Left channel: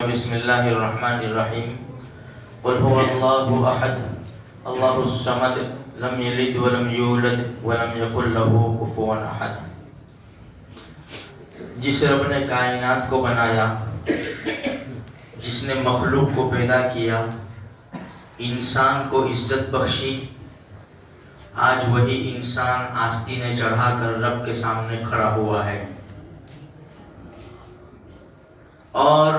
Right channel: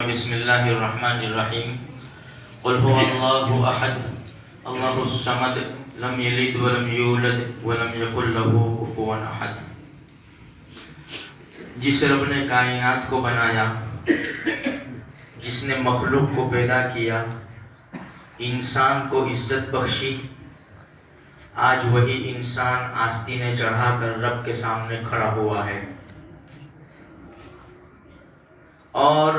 بسم اللہ الرحمن الرحیم قل هو اللہ احد اللہ الصمد لم یلد ولم یولد ولم یکن له کفوا احد۔ جس رب نے کائنات کو بنایا، جس نے مخلوق کو پیدا کیا، انسان کو عزت بخشی، آج وہی انسان آستینیں چڑھا کر رب کے سامنے کھڑا ہوا ہے اور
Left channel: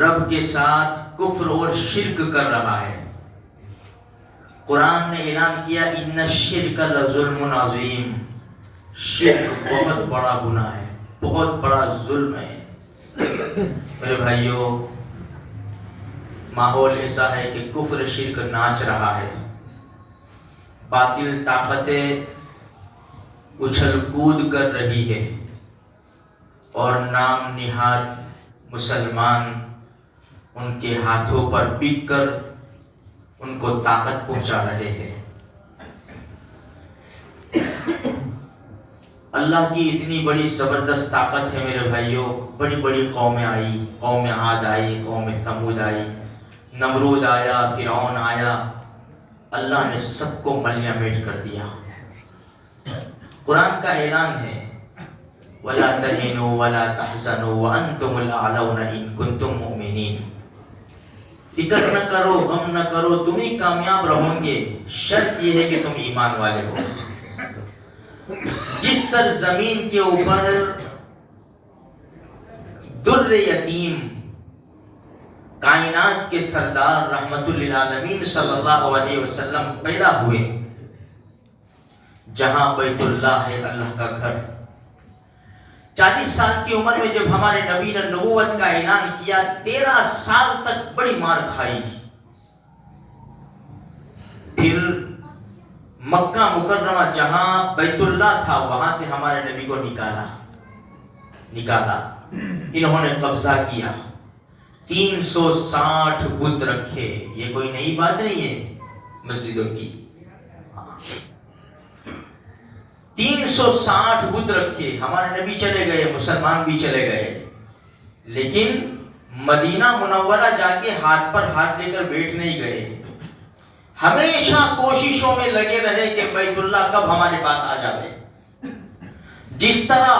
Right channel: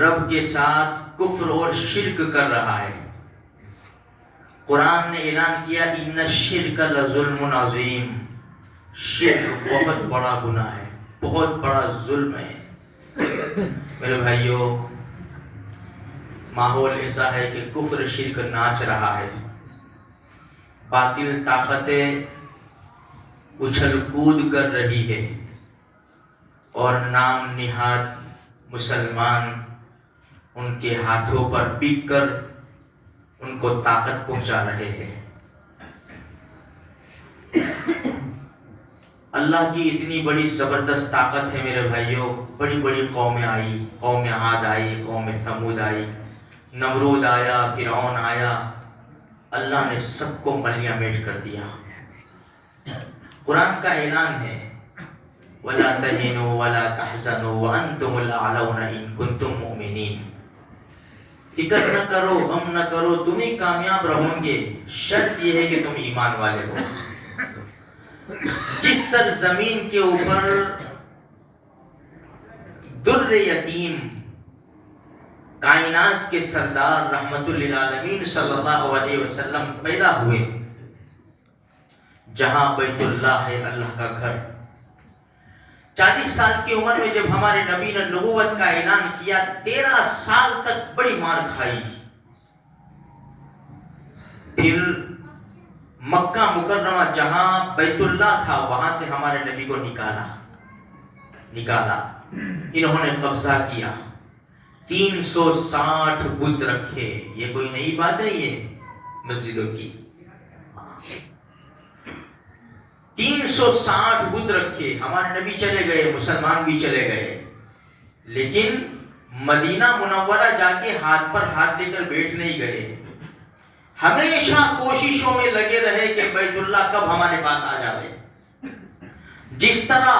رب کے ساتھ کفر اور شرک کر رہا ہے۔ قرآن نے اعلان کیا ان الشرک لظلم عظیم، شرک بہت بڑا گناہ ہے، بہت بڑا ظلم ہے۔ میرے بھائیوں، ماحول ایسا ہے کہ کفر شرک ناچ رہا ہے، باطل طاقتیں اچھل کود کر رہی ہے اور نام نہاد مسلمان ان کے ہاتھوں پر بک کر ان کو طاقت پہنچا رہے ہیں۔ اللہ کی اتنی بڑی زبردست طاقت ہے میرے بھائیوں، بڑی بڑی قومیں آئی، قوم عاد آئی، قوم ثمود آئی، نمرود آیا، فرعون آیا، اللہ نے سب کو ملیہ میٹ کر دیا۔ قرآن کا اعلان ہے وَلَا تَهِنُوا وَلَا تَحْزَنُوا وَأَنْتُمُ الْأَعْلَوْنَ إِن كُنتُم مُؤْمِنِينَ۔ فکر نہ کرو، غم نہ کرو، تم ہی کامیاب رہو گے، شرط یہ ہے کہ تم ایمان والے ہو۔ جس سرزمین کے اوپر در یتیم کائنات کے سردار رحمت للعالمین صلی اللہ علیہ وسلم پیدا ہوئے، جہاں بیت اللہ ہے، اللہ کا گھر، 40 سال کی عمر میں جب ہمارے نبی نے نبوت کا اعلان کیا، 13 سال تک بڑی مار کھائی۔ پھر مکہ مکرمہ جہاں بیت اللہ تھا، وہاں سے ہمارے نبی کو نکالا، انہوں نے قبضہ کیا، 360 بت رکھے۔ یہ کوئی نئی بات نہیں ہے مسجدوں کی، 360 بت رکھے، ہمارے نبی چلے گئے، مسلمان بھی چلے گئے، لیکن مدینہ منورہ جا کے ہاتھ پر ہاتھ دے کر بیٹھ نہیں گئے، ہمیشہ کوششوں میں لگے رہے کہ بیت اللہ کب ہمارے پاس آ جائے۔ جس طرح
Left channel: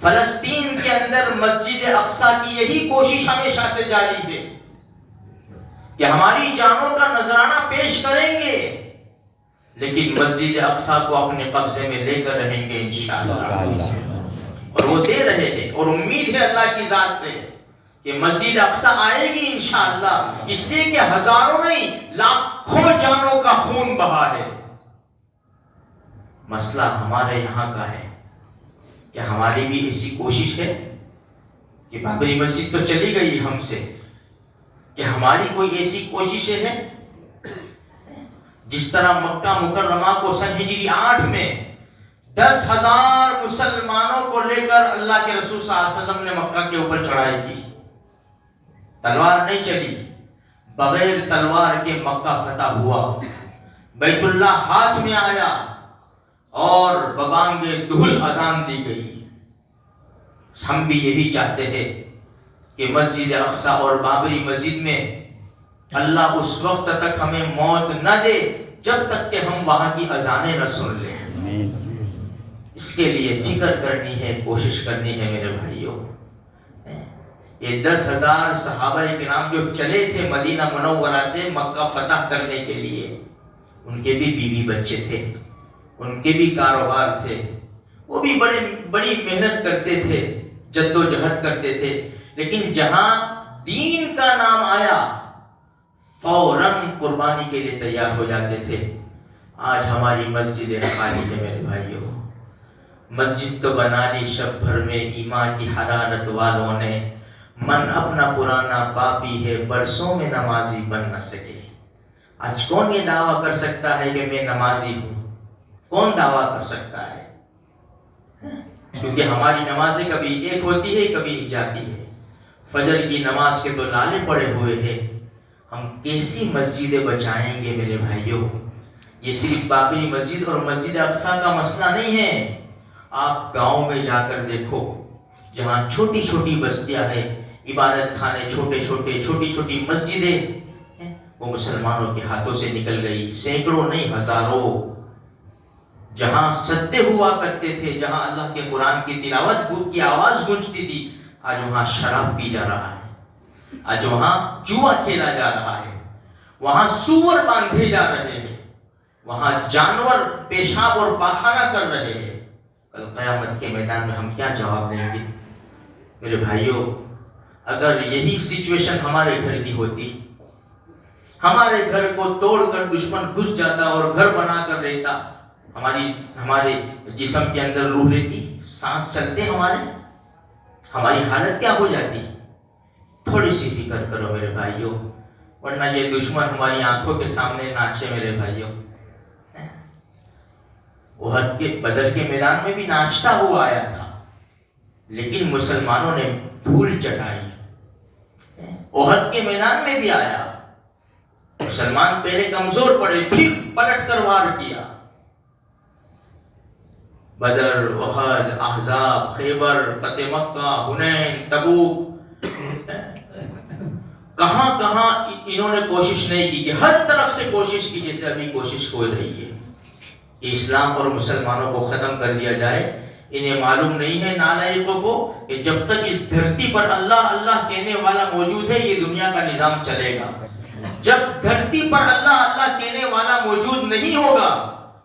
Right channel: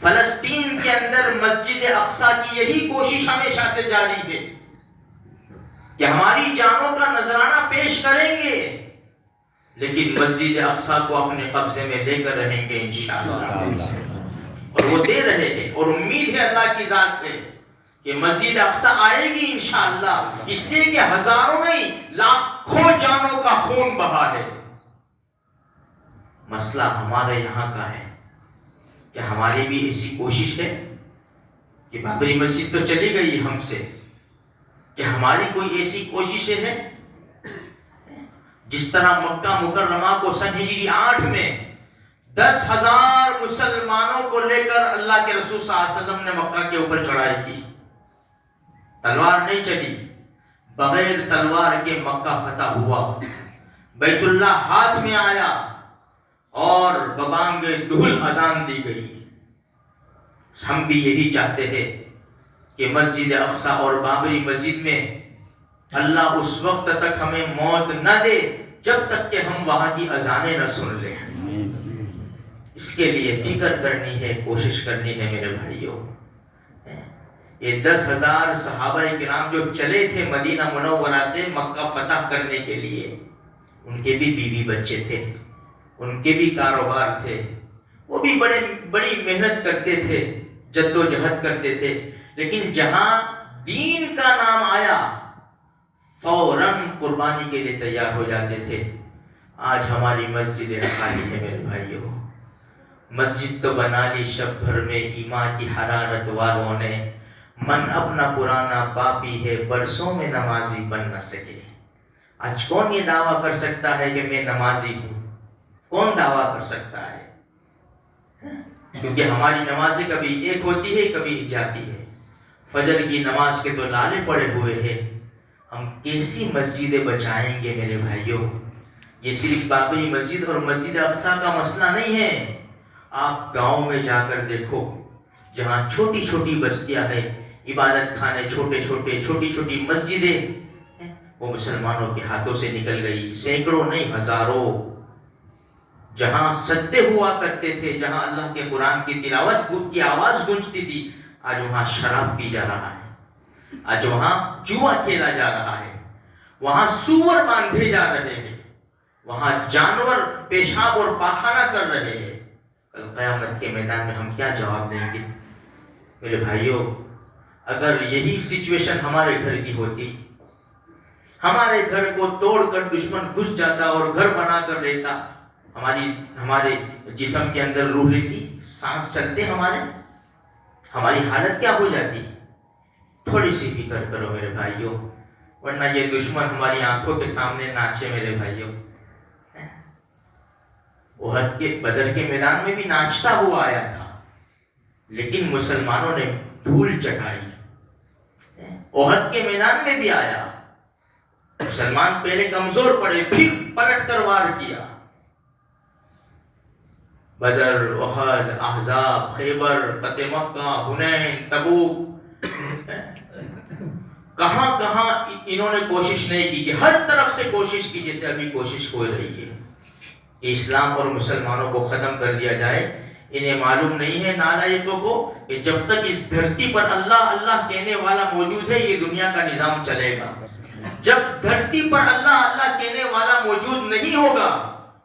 فلسطین کے اندر مسجد اقصیٰ کی یہی کوشش ہمیشہ سے جاری ہے کہ ہماری جانوں کا نذرانہ پیش کریں گے، لیکن مسجد اقصیٰ کو اپنے قبضے میں لے کر رہیں گے انشاءاللہ، اور وہ دے رہے ہیں، اور امید ہے اللہ کی ذات سے کہ مسجد اقصیٰ آئے گی انشاءاللہ، اس لیے کہ ہزاروں نہیں لاکھوں جانوں کا خون بہا ہے۔ مسئلہ ہمارے یہاں کا ہے کہ ہماری بھی ایسی کوشش ہے کہ بابری مسجد تو چلی گئی ہم سے، کہ ہماری کوئی ایسی کوششیں ہیں جس طرح مکہ مکرمہ کو سن ہجری 8 میں 10,000 مسلمانوں کو لے کر اللہ کے رسول صلی اللہ علیہ وسلم نے مکہ کے اوپر چڑھائی کی، تلوار نہیں چلی، بغیر تلوار کے مکہ فتح ہوا، بیت اللہ ہاتھ میں آیا اور ببانگ دہل اذان دی گئی۔ ہم بھی یہی چاہتے ہیں کہ مسجد اقصیٰ اور بابری مسجد میں اللہ اس وقت تک ہمیں موت نہ دے جب تک کہ ہم وہاں کی اذانیں نہ سن لیں۔ اس کے لیے فکر کرنی ہے، کوشش کرنی ہے میرے بھائیوں۔ یہ 10,000 صحابہ کرام جو چلے تھے مدینہ منورہ سے مکہ فتح کرنے کے لیے، ان کے بھی بیوی بچے تھے، ان کے بھی کاروبار تھے، وہ بھی بڑی محنت کرتے تھے، جد و جہد کرتے تھے، لیکن جہاں دین کا نام آیا فوراً قربانی کے لیے تیار ہو جاتے تھے۔ آج ہماری مسجدیں خالی ہیں میرے بھائیوں، مسجد تو بنا لی شب بھر میں ایمان کی حرارت والوں نے، من اپنا پرانا پاپی ہے برسوں میں نمازی بن نہ سکے۔ آج کون یہ دعویٰ کر سکتا ہے کہ میں نمازی ہوں؟ کون دعویٰ کر سکتا ہے؟ کیونکہ ہماری نمازیں کبھی ایک ہوتی ہے، کبھی ایک جاتی ہے۔ فجر کی نماز کے تو نالے پڑے ہوئے ہیں، ہم کیسی مسجدیں بچائیں گے میرے بھائیوں؟ یہ صرف بابری مسجد اور مسجد اقصیٰ کا مسئلہ نہیں ہے، آپ گاؤں میں جا کر دیکھو، جہاں چھوٹی چھوٹی بستیاں ہیں، عبادت خانے چھوٹے چھوٹے، چھوٹی چھوٹی مسجدیں، وہ مسلمانوں کے ہاتھوں سے نکل گئی، سینکڑوں نہیں ہزاروں۔ جہاں سجدے ہوا کرتے تھے، جہاں اللہ کے قرآن کی تلاوت کی آواز گونجتی تھی، آج وہاں شراب پی جا رہا ہے، آج وہاں جوا کھیلا جا رہا ہے، وہاں سور باندھے جا رہے ہیں، وہاں جانور پیشاب اور پاخانہ کر رہے ہیں۔ کل قیامت کے میدان میں ہم کیا جواب دیں گے؟ میرے بھائیوں، اگر یہی سچویشن ہمارے گھر کی ہوتی، ہمارے گھر کو توڑ کر دشمن گھس جاتا اور گھر بنا کر رہتا، ہمارے جسم کے اندر روح رہتی، سانس چلتے ہماری حالت کیا ہو جاتی؟ تھوڑی سی فکر کرو میرے بھائیوں، ورنہ یہ دشمن ہماری آنکھوں کے سامنے ناچے میرے بھائیوں۔ احد کے بدر کے میدان میں بھی ناچتا ہوا آیا تھا، لیکن مسلمانوں نے دھول چٹائی۔ احد کے میدان میں بھی آیا، مسلمان پہلے کمزور پڑے، پھر پلٹ کر وار کیا۔ بدر، احد، احزاب، خیبر، فتح مکہ، حنین، تبوک، کہاں کہاں انہوں نے کوشش نہیں کی، کہ ہر طرف سے کوشش کی، جیسے ابھی کوشش ہو رہی ہے کہ اسلام اور مسلمانوں کو ختم کر دیا جائے۔ انہیں معلوم نہیں ہے نالائقوں کو کہ جب تک اس دھرتی پر اللہ اللہ کہنے والا موجود ہے، یہ دنیا کا نظام چلے گا۔ جب دھرتی پر اللہ اللہ کہنے والا موجود نہیں ہوگا،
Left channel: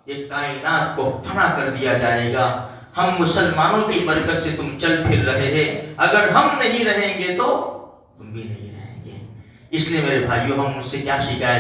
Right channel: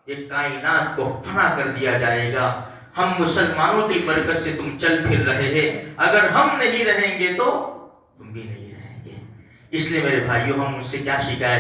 یہ کائنات کو فنا کر دیا جائے گا۔ ہم مسلمانوں کی برکت سے تم چل پھر رہے ہیں، اگر ہم نہیں رہیں گے تو تم بھی نہیں رہیں گے۔ اس لیے میرے بھائیوں، ہم اس سے کیا شکایت